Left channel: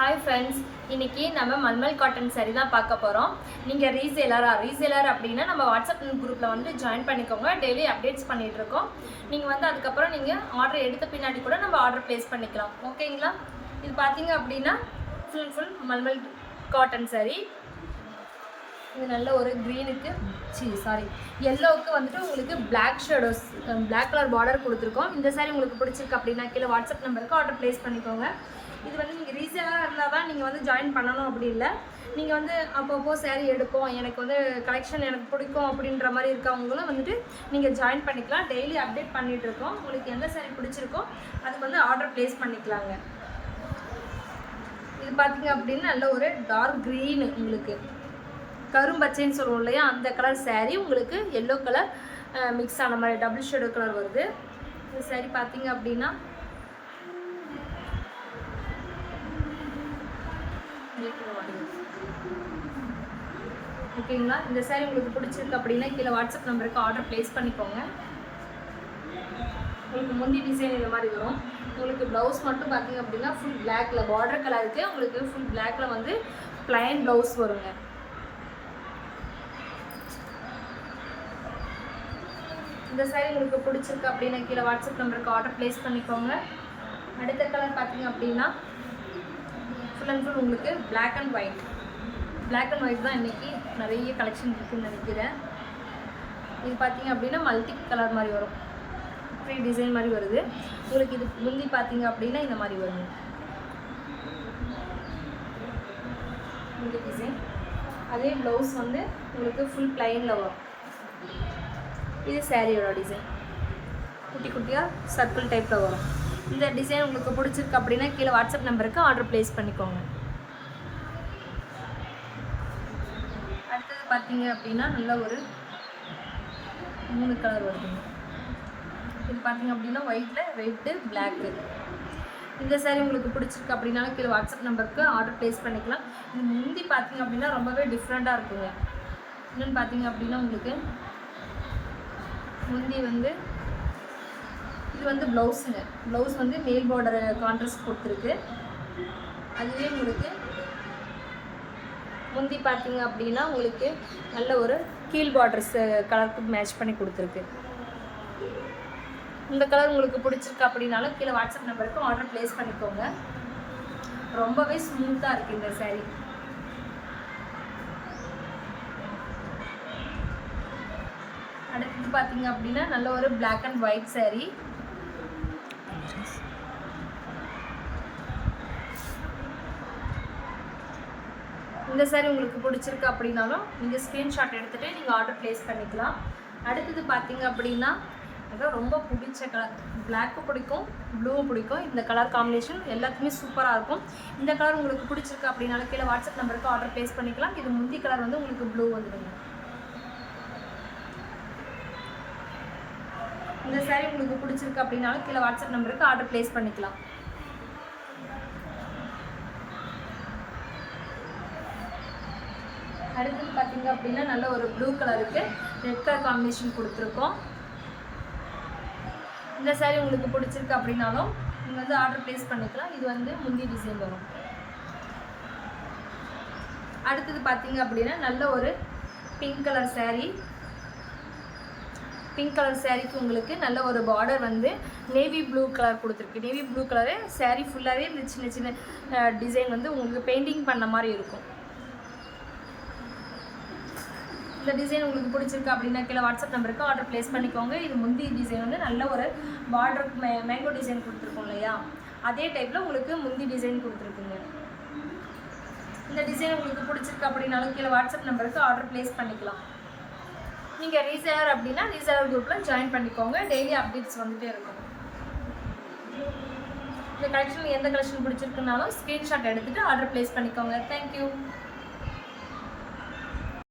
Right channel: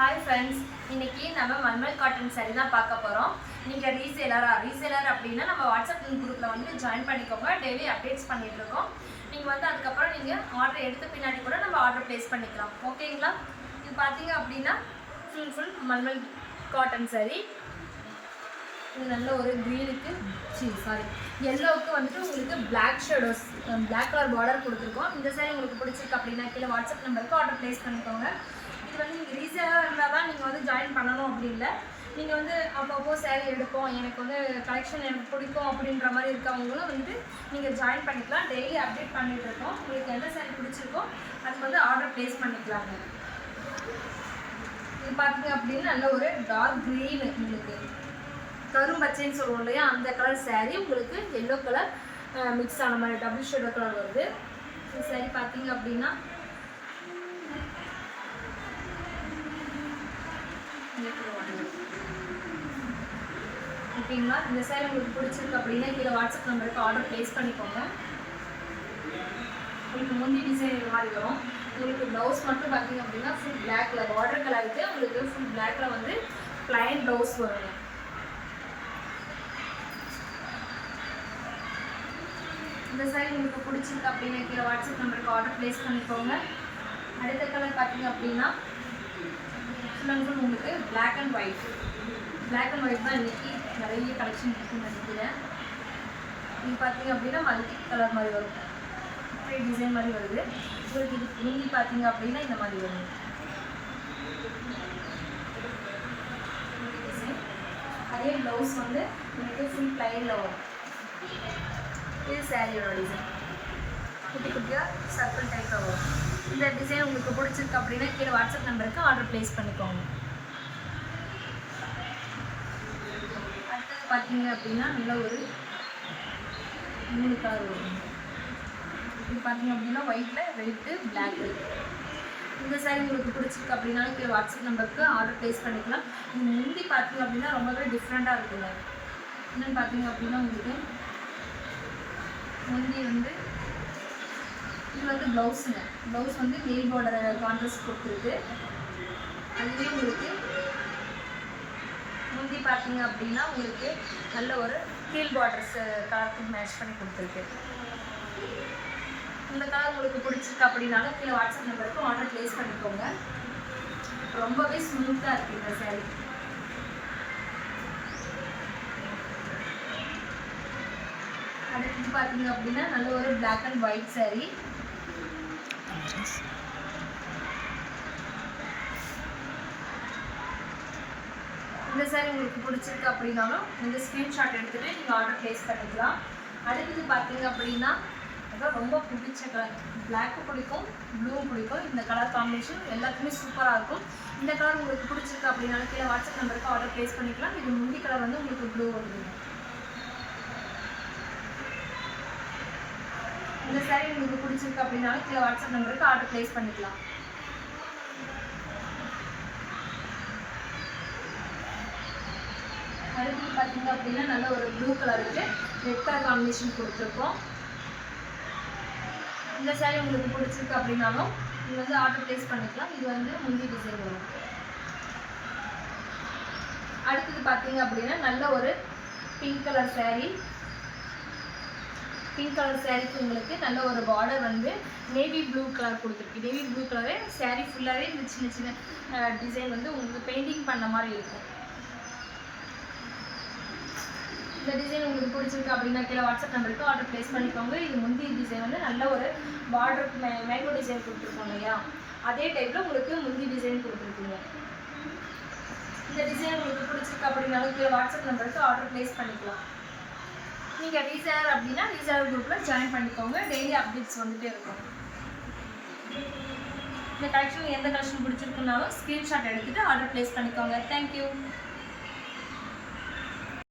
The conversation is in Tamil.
ஹாய் ஃப்ரெண்ட்ஸ், இன்றைக்கி நம்ம மல்மல் காட்டன் சாரீ தான் பார்க்க போகிறோம். நீங்கள் ரீசேலர் அப்படின்னா நம்ம வாட்ஸ்அப் குரூப்பில் வந்து ஜாயின் பண்ணிக்கோங்க. டெய்லி அப்டேட்ஸ் பண்ணிகிட்ருக்கோம். நீங்கள் வந்து அதுக்கப்புறம் நீங்கள் ஆர்டர் எடுத்த பின்னாடி கூட நம்ம ஆர்டர் ப்ளேஸ் பண்ணிக்கலாம். ஓகேங்களா? இது பார்த்தீங்க அப்படின்னா ஃபுல் மல்மல் காட்டன் சாரீ. இது நல்ல ஒரு க்ரீனுக்கு எல்லோவுக்கு வந்துட்டு உங்களுக்கு black shadows black colour border கொடுத்துருக்கோம். இந்த சாரீ உங்களுக்கு பிடிச்சிருக்கு அப்படின்னா கீழே வாட்ஸ்அப் நம்பருக்கு ஆர்டர் ப்ளேஸ் பண்ணிக்கோங்க. இது வந்து நீங்கள் ரீசேலாக இருந்தால் தான் நீங்கள் வந்து ஜாயின் பண்ணணும் அப்படி இல்லை. நீங்கள் வந்து அப்பப்போ சாரீ எடுப்போம், எனக்கு வந்து கலெக்ஷன் எனக்கு பிடிக்கும் அப்படின்ற மாதிரி இருக்கவங்களும் வந்துட்டு நீங்கள் ஜாயின் பண்ணிக்கலாம். டெய்லி அப்டேட் பண்ணிகிட்ருக்கோம். உங்களுக்கு எந்த சாரீ பிடிச்சிருக்கோ அதுக்கு வந்து ஆர்டர் ப்ளேஸ் பண்ணிக்கலாங்க. இது பார்த்தீங்க அப்படின்னா நல்ல ஒரு டார்க் க்ரீனு, உங்களுக்கு கரும்பச்சைன்னு சொல்லுவோம் இல்லையா, அந்த கலர் சாரீ உங்களுக்கு எல்லோ கலர் மிக்ஸ் ஆன மாதிரி டபுள் ஷேடோ கலர் வருது. இந்த சாரீ பார்த்தீங்க அப்படின்னா ஓகேங்களா. இந்த சாரீ உங்களுக்கு பிடிச்சிருக்கு அப்படின்னா கீழே வாட்ஸ்அப் நம்பருக்கு ஆர்டர் ப்ளேஸ் பண்ணிக்கோங்க. உங்களுக்கு முந்தி டிசைன் இந்த மாதிரி வரும். உங்களுக்கு ப்ளவுஸ் மட்டும் பார்த்தீங்க அப்படின்னா ஃபுல் பிளாக்ல பார்டர் கலருக்கு உங்களுக்கு ஃபுல் பிளாக்ல வந்து பிளைன் ப்ளவுஸ் வருங்க. இந்த சாரீ உங்களுக்கு பிடிச்சிருக்கு அப்படின்னா கீழே வாட்ஸ்அப் நம்பருக்கு ஆர்டர் ப்ளேஸ் பண்ணிக்கோங்க. அடுத்த கலர் பார்த்தீங்க அப்படின்னா ஃபுல் அண்ட் ஃபுல் உங்களுக்கு பிளாக் அண்ட் ஒயிட் தான் இன்றைக்கி நிறைய கலெக்ஷன் இருக்குதுன்னு நினைக்கிறேன். இது பார்த்தீங்க அப்படின்னா மல்டி கலர் மாதிரி வரும், ஃப்ரீ டிசைன் மாதிரி வருது. உங்களுக்கு இது முந்தி பார்த்தீங்க அப்படின்னா இந்த மாதிரி வருது இந்த டிசைன். அதே ப்ளவுஸ் வந்து உங்களுக்கு ஃபுல் பிளைனில் வரும். இது சாரியோட டிசைன் குட்டி குட்டியாக சர்க்கிள் டைப்பில் வரும். இந்த டிசைன் உங்களுக்கு பிடிச்சிருக்கு அப்படின்னா கீழே வாட்ஸ்அப் நம்பருக்கு ஆர்டர் ப்ளேஸ் பண்ணிக்கோங்க. அடுத்தது பார்த்தீங்க அப்படின்னா நல்ல ஒரு 3 கலர் வரும். இது பார்த்தீங்க அப்படின்னா ஒயிட்டு பிளாக்கு. இந்த சாரீ உங்களுக்கு பிடிச்சிருக்கு அப்படின்னா கீழே வாட்ஸ்அப் நம்பருக்கு ஆர்டர் ப்ளேஸ் பண்ணிக்கலாம். இது முந்தி பார்த்தீங்க அப்படின்னா ரொம்பவே டிஃப்ரெண்ட்டாக இருக்குங்க. என்னென்னு பார்த்தீங்க அப்படின்னா உங்களுக்கு முந்தி வந்து இது வந்து ப்ளவுஸ் வந்து மெயில் பார்டரை கான்ட்ராஸ்ட் கொடுத்துருக்கு. அதுவே உங்களுக்கு முந்தி பார்த்தீங்க அப்படின்னா உங்களுக்கு நல்ல ஒரு கீழ் பார்டர்ஸ் கலருக்கு மேட்ச் பண்ணி கொடுத்துருக்கு. இந்த கலர் உங்களுக்கு பிடிச்சிருக்கு அப்படின்னாலும் கீழே வாட்ஸ்அப் நம்பருக்கு ஆர்டர் ப்ளேஸ் பண்ணிக்கோங்க. ரொம்பவே ஸ்மூத்தாக இருக்குது இந்த சாரீ. அடுத்து பார்த்தீங்க அப்படின்னா நல்ல ஒரு பிளாக் அண்ட் ஒயிட் சாரீ. இந்த சாரீ உங்களுக்கு பிடிச்சிருக்கு அப்படின்னாலும் இந்த ஸ்க்ரீன்ஷாட் எடுத்துகிட்டு நீங்கள் ஆர்டர் ப்ளேஸ் பண்ணிக்கலாம். அடுத்தது பார்த்தீங்க அப்படின்னா அதான் ரொம்ப பிடிச்ச கலர், பிளாக்கும் பிடிக்கும் ப்ளூவும் பிடிக்கும். இந்த கலர் காம்பினேஷன் எல்லாத்துக்குமே சூப்பராக இருக்கும். இந்த கலர் உங்களுக்கு பிடிச்சிருக்கு அப்படின்னாலும் கீழே வாட்ஸ்அப் நம்பருக்கு ஆர்டர் ப்ளேஸ் பண்ணிக்கலாம். இது முந்தி கலர் வந்து உங்களுக்கு ப்ளூ வந்துடுங்க. இந்த சாரீ உங்களுக்கு பிடிச்சிருக்கு அப்படின்னாலும் கீழே வாட்ஸ்அப் நம்பருக்கு ஆர்டர் ப்ளேஸ் பண்ணிக்கலாம். அடுத்தது பார்த்தீங்க அப்படின்னா நல்ல ஒரு ப்ளூ கலருக்கு ரெட் கலர் காம்பினேஷன் கொடுத்துருக்கோம். இந்த சாரீ உங்களுக்கு பிடிச்சிருக்கு அப்படின்னாலும் நீங்கள் வந்து ஆர்டர் ப்ளேஸ் பண்ணிக்கலாம். இது வந்து முந்தி டிசைன் வரும். அடுத்தது பார்த்தீங்க அப்படின்னா நல்ல ஒரு பிங்க் கலர் சாரீக்கு உங்களுக்கு நல்ல ஒரு பார்டர் வந்து நேவி ப்ளூ கலர் கொடுத்துருக்கு. நேவி ப்ளூ கலரு சாரீ ஃபுல்லாகவே இந்த சின்ன டிசைன் வந்து உங்களுக்கு பெயிண்டிங் பண்ண மாதிரி இருக்கும். இந்த டிசைன் உங்களுக்கு பிடிச்சிருக்கு அப்படின்னா கீழே வாட்ஸ்அப் நம்பருக்கு ஆர்டர் ப்ளேஸ் பண்ணிக்கோங்க. இது முந்தி டிசைன் வந்து நல்ல ஒரு பார்டர் மேங்கோ டிசைன் கொடுத்துருக்கோம் இல்லையா, அதே டைப்பில் உங்களுக்கு முந்தி டிசைன் கொடுத்துருக்குங்க. இந்த டிசைன் உங்களுக்கு பிடிச்சிருக்கு அப்படின்னாலும் கீழே வாட்ஸ்அப் நம்பருக்கு ஆர்டர் ப்ளேஸ் பண்ணிக்கலாம். நீங்கள் ரீசேலர் அப்படின்னா ரீசேலர் குரூப்பில் ஜாயின் பண்ணிக்கோங்க. டெய்லி அப்டேட்ஸ் வந்துகிட்டே இருக்கும். இந்த கலெக்ஷன் எந்த கலெக்ஷன் பிடிச்சிருக்குனாலும் ஸ்க்ரீன்ஷாட் எடுத்துகிட்டு ஆர்டர் ப்ளேஸ் பண்ணிக்கோங்க. தேங்க்யூ.